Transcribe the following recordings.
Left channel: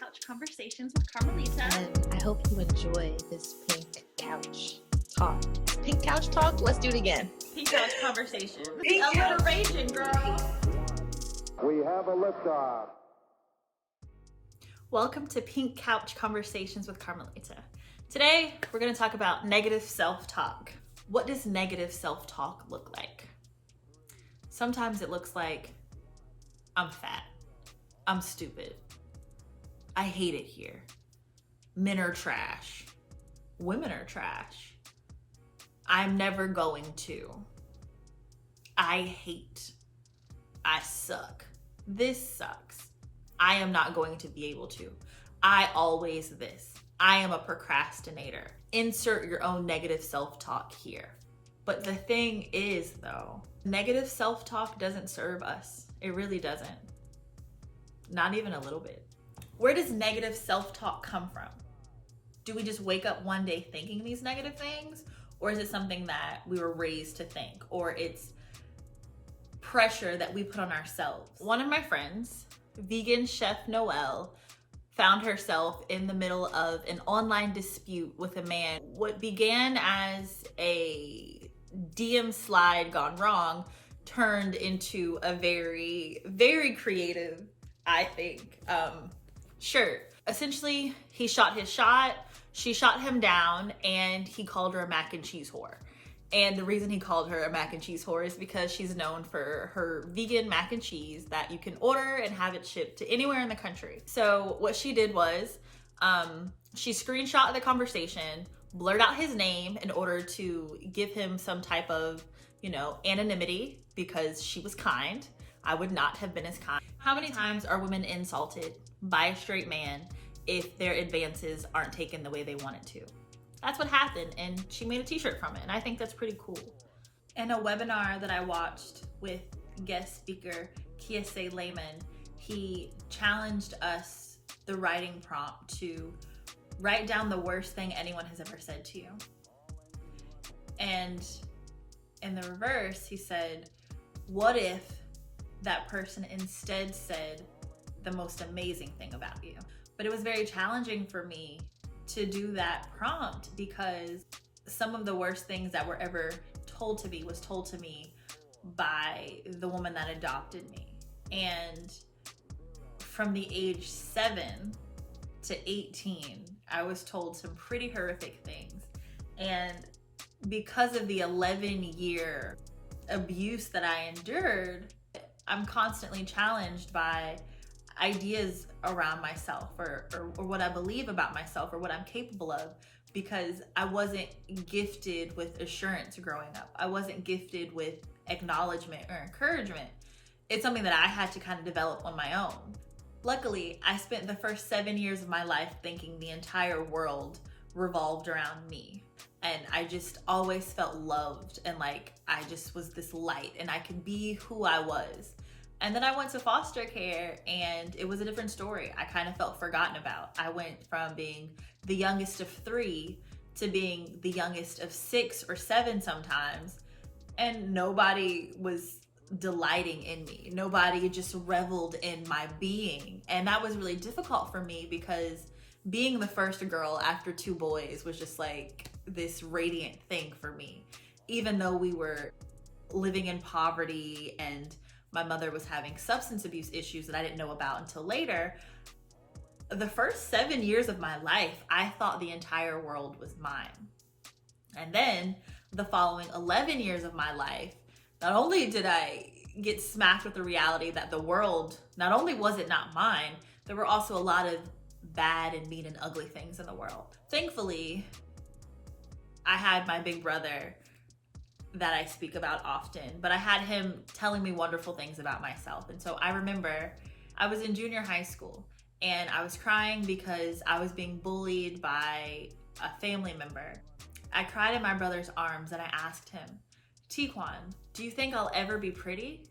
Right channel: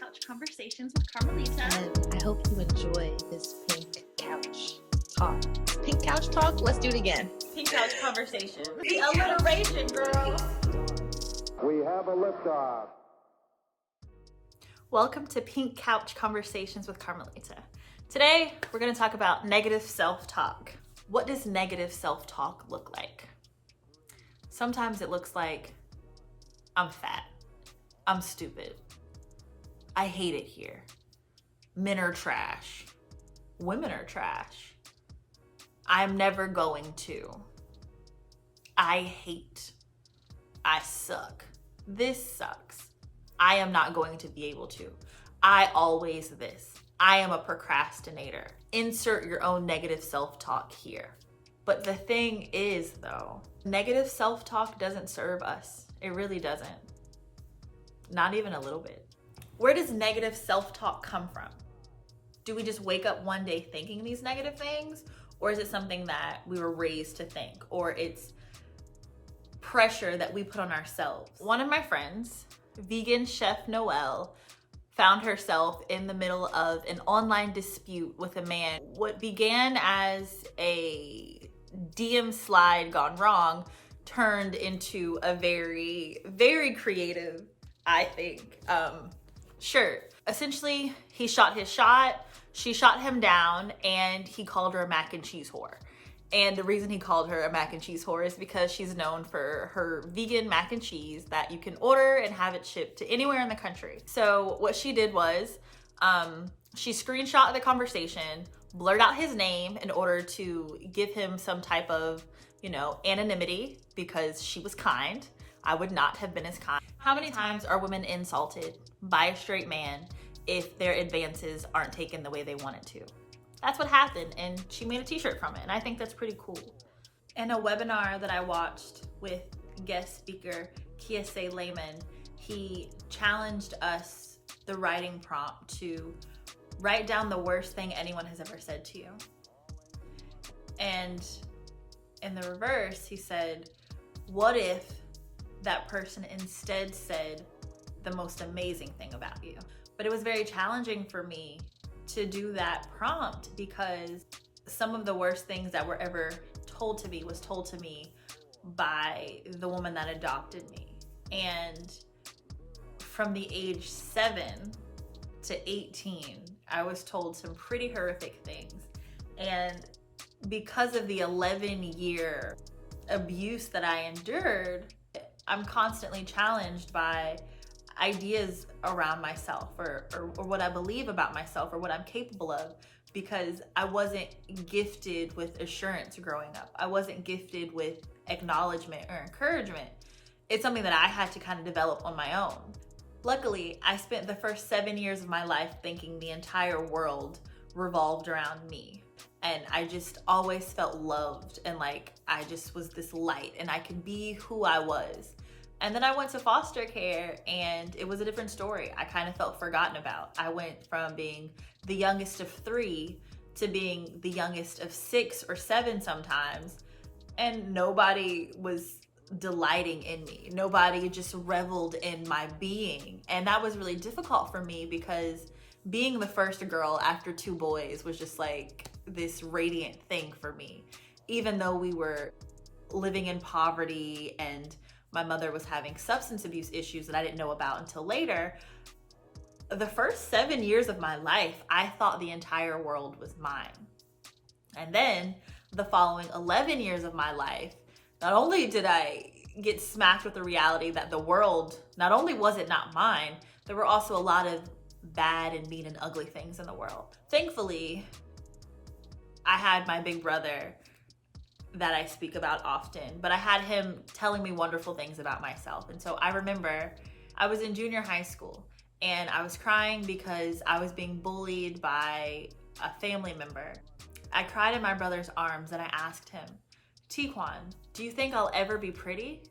Couch Conversations with Carmalita. And I hope you enjoy this pink couch talk. Pink couch talk? Let's do it again. Pink Couch Conversations. The alliteration, girl. We have a liftoff. Welcome to Pink Couch Conversations with Carmalita. Today, we're going to talk about negative self-talk. What does negative self-talk look like? Sometimes it looks like, I'm fat. I'm stupid. I hate it here. Men are trash. Women are trash. I'm never going to. I hate. I suck. This sucks. I am not going to be able to. I always this. I am a procrastinator. Insert your own negative self-talk here. But the thing is, though, negative self-talk doesn't serve us. It really doesn't. Not even a little bit. Where does negative self-talk come from? Do we just wake up one day thinking these negative things? Or is it something that we were raised to think? Or it's pressure that we put on ourselves? One of my friends, vegan chef Noelle, found herself in the middle of an online dispute with a man. What began as a DM slide gone wrong turned into a very, very creative, I think, shirt. Essentially, he shot his shot, she shot him down, and he called her a mac and cheese whore. And the reason he called her a mac and cheese whore is because she's known for her vegan mac and cheese that you can order and have it shipped to anywhere in the country. So what she did was, she screenshot the conversation, blurred out his name in order to give him some type of, anonymity because she was kind. I would not have been as kind. How many times are women insulted by a straight man if their advances aren't taken the way they wanted to? That's what happened, and she made a t-shirt from it, and I think that's pretty cool. In a webinar that I watched with guest speaker Kiese Lehman, he challenged us, the writing prompt, to write down the worst thing anyone has ever said to you. And in the reverse, he said, what if that person instead said the most amazing thing about you? But it was very challenging for me to do that prompt because some of the worst things that were ever told to me was told to me by the woman that adopted me. And from the age 7 to 18, I was told some pretty horrific things. And because of the 11-year abuse that I endured, I'm constantly challenged by ideas around myself or what I believe about myself or what I'm capable of, because I wasn't gifted with assurance growing up. I wasn't gifted with acknowledgement or encouragement. It's something that I had to kind of develop on my own. Luckily, I spent the first 7 years of my life thinking the entire world revolved around me. And I just always felt loved and like I just was this light and I could be who I was. And then I went to foster care and it was a different story. I kind of felt forgotten about. I went from being the youngest of 3 to being the youngest of 6 or 7 sometimes. And nobody was delighting in me. Nobody just reveled in my being. And that was really difficult for me because being the first girl after 2 boys was just like this radiant thing for me. Even though we were living in poverty and my mother was having substance abuse issues that I didn't know about until later, the first 7 years of my life, I thought the entire world was mine. And then the following 11 years of my life, not only did I get smacked with the reality that the world, not only was it not mine, there were also a lot of bad and mean and ugly things in the world. Thankfully, I had my big brother that I speak about often, but I had him telling me wonderful things about myself. And so I remember I was in junior high school and I was crying because I was being bullied by a family member. I cried in my brother's arms and I asked him, Tiquan, do you think I'll ever be pretty?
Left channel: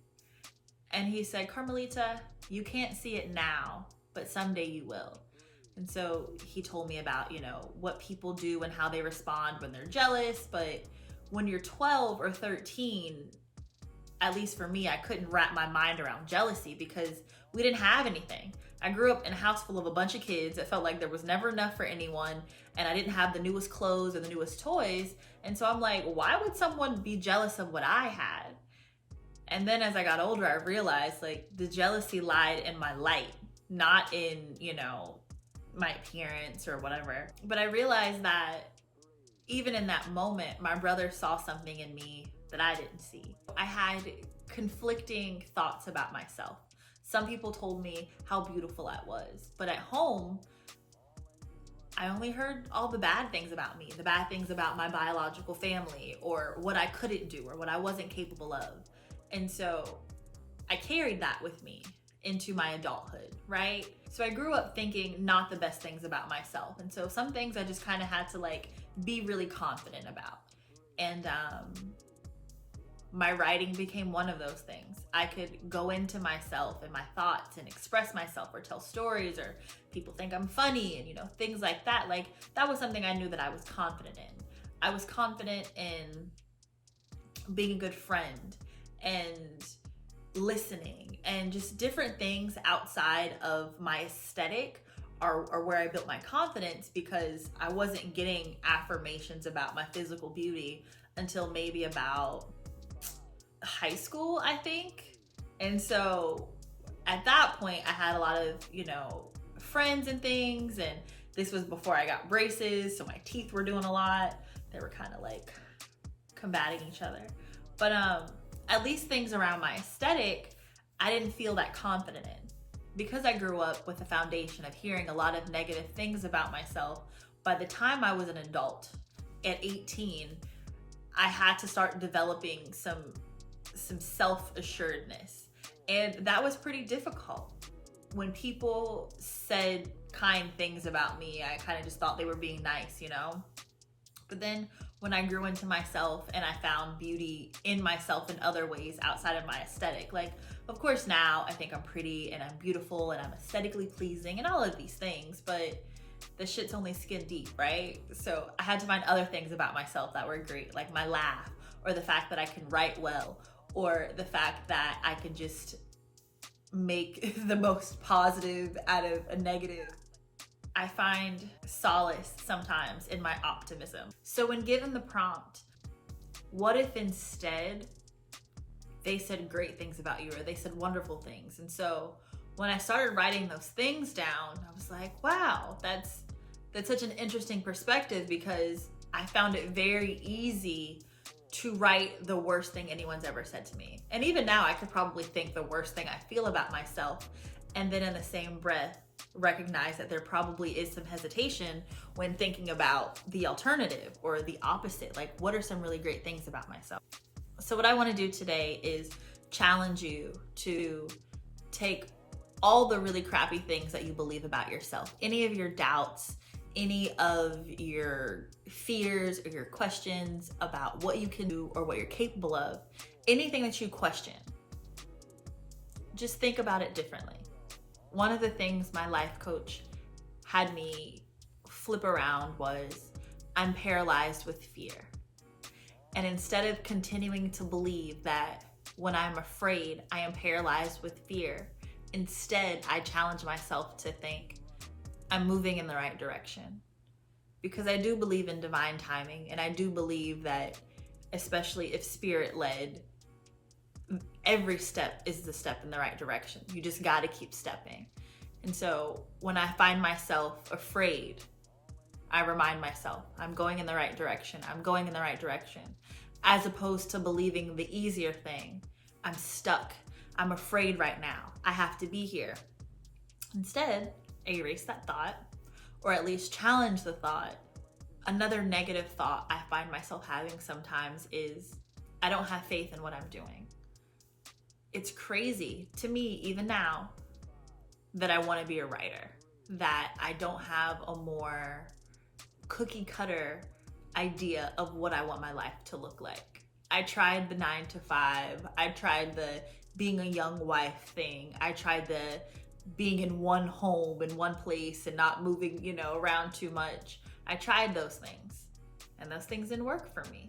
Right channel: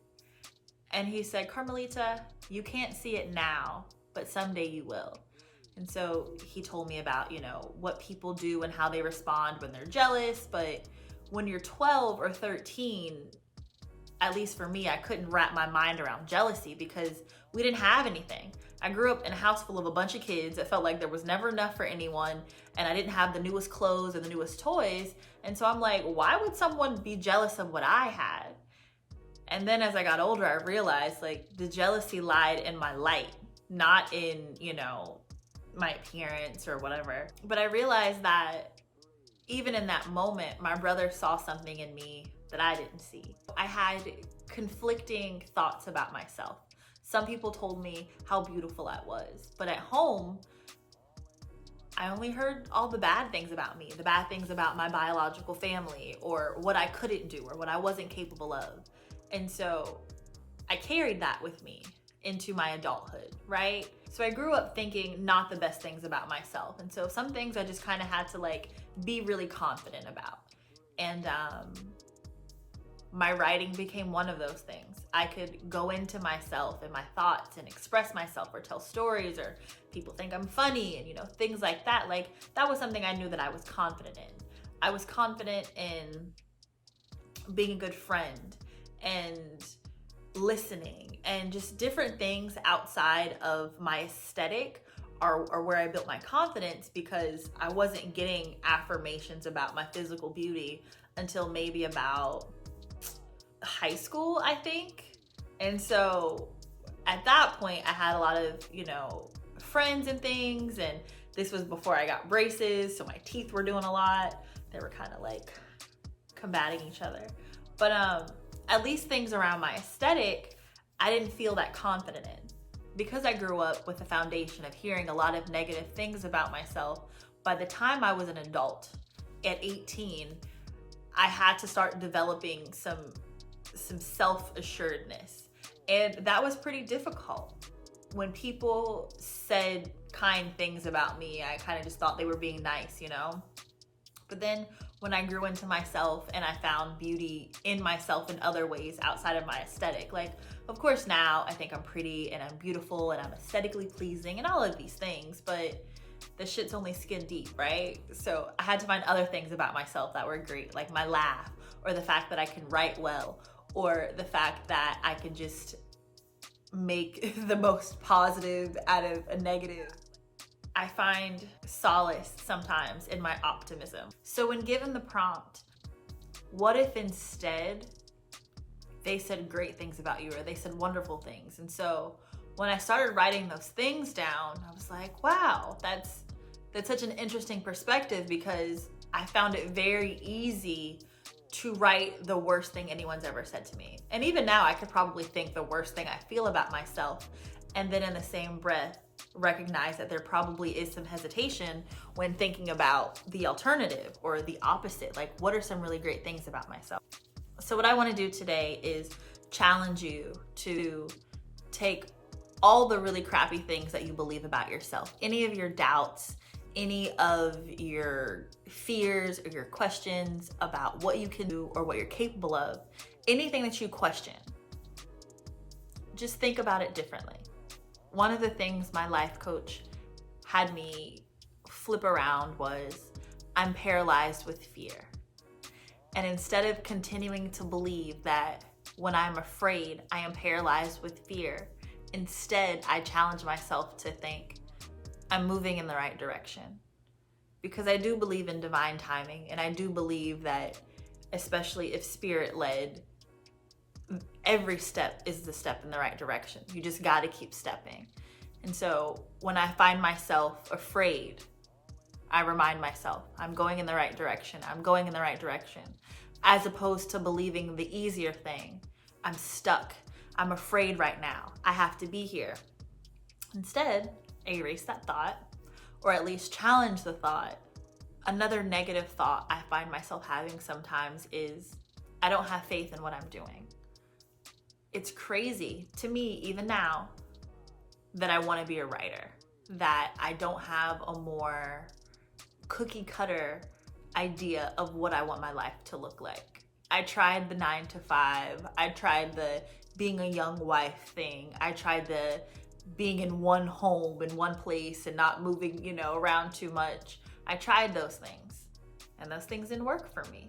And he said, Carmelita, you can't see it now, but someday you will. And so he told me about, what people do and how they respond when they're jealous. But when you're 12 or 13, at least for me, I couldn't wrap my mind around jealousy because we didn't have anything. I grew up in a house full of a bunch of kids. It felt like there was never enough for anyone, and I didn't have the newest clothes or the newest toys. And so I'm like, why would someone be jealous of what I had? And then as I got older, I realized like the jealousy lied in my light, not in, my appearance or whatever. But I realized that even in that moment, my brother saw something in me that I didn't see. I had conflicting thoughts about myself. Some people told me how beautiful I was, but at home, I only heard all the bad things about me, the bad things about my biological family, or what I couldn't do, or what I wasn't capable of. And so I carried that with me into my adulthood, right? So I grew up thinking not the best things about myself. And so some things I just kind of had to like be really confident about. And my writing became one of those things. I could go into myself and my thoughts and express myself or tell stories, or people think I'm funny and things like that. Like that was something I knew that I was confident in. I was confident in being a good friend and listening and just different things outside of my aesthetic are where I built my confidence, because I wasn't getting affirmations about my physical beauty until maybe about high school, I think. And so at that point I had a lot of, friends and things, and this was before I got braces, so my teeth were doing a lot. They were kind of like combating each other. But at least things around my aesthetic, I didn't feel that confident in. Because I grew up with a foundation of hearing a lot of negative things about myself, by the time I was an adult, at 18, I had to start developing some self-assuredness. And that was pretty difficult. When people said kind things about me, I kind of just thought they were being nice, But then when I grew into myself and I found beauty in myself in other ways outside of my aesthetic, like, of course now I think I'm pretty and I'm beautiful and I'm aesthetically pleasing and all of these things, but the shit's only skin deep, right? So I had to find other things about myself that were great, like my laugh, or the fact that I can write well, or the fact that I could just make the most positive out of a negative. I find solace sometimes in my optimism. So when given the prompt, what if instead they said great things about you, or they said wonderful things? And so when I started writing those things down, I was like, wow, that's such an interesting perspective, because I found it very easy to write the worst thing anyone's ever said to me. And even now I could probably think the worst thing I feel about myself, and then in the same breath recognize that there probably is some hesitation when thinking about the alternative or the opposite. Like, what are some really great things about myself? So what I want to do today is challenge you to take all the really crappy things that you believe about yourself, any of your doubts, any of your fears or your questions about what you can do or what you're capable of, anything that you question, just think about it differently. One of the things my life coach had me flip around was, I'm paralyzed with fear. And instead of continuing to believe that when I'm afraid, I am paralyzed with fear, instead I challenge myself to think, I'm moving in the right direction. Because I do believe in divine timing, and I do believe that, especially if spirit-led, every step is the step in the right direction. You just got to keep stepping. And so when I find myself afraid, I remind myself, I'm going in the right direction. I'm going in the right direction. As opposed to believing the easier thing, I'm stuck. I'm afraid right now. I have to be here. Instead, I erase that thought, or at least challenge the thought. Another negative thought I find myself having sometimes is, I don't have faith in what I'm doing. It's crazy to me, even now, that I want to be a writer, that I don't have a more cookie cutter idea of what I want my life to look like. I tried the 9 to 5. I tried the being a young wife thing. I tried the being in one home, in one place, and not moving, around too much. I tried those things, and those things didn't work for me.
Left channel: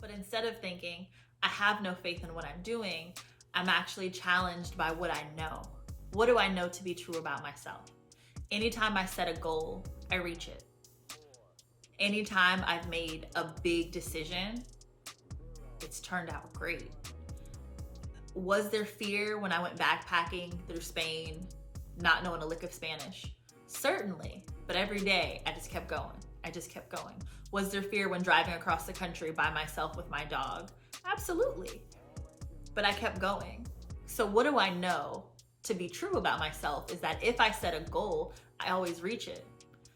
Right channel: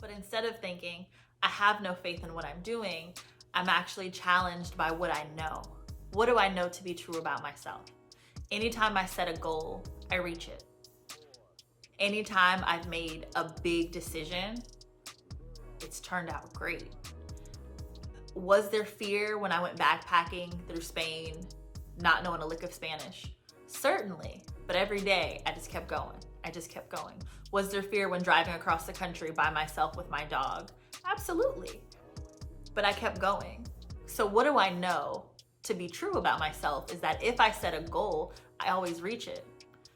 But instead of thinking, I have no faith in what I'm doing, I'm actually challenged by what I know. What do I know to be true about myself? Anytime I set a goal, I reach it. Anytime I've made a big decision, it's turned out great. Was there fear when I went backpacking through Spain, not knowing a lick of Spanish? Certainly, but every day I just kept going. Was there fear when driving across the country by myself with my dog? Absolutely, but I kept going. So what do I know to be true about myself is that if I set a goal, I always reach it.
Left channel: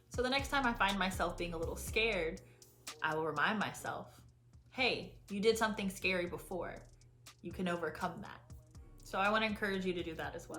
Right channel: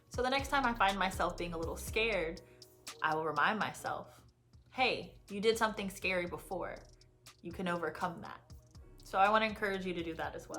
So the next time I find myself being a little scared, I will remind myself, hey, you did something scary before. You can overcome that. So I want to encourage you to do that as well.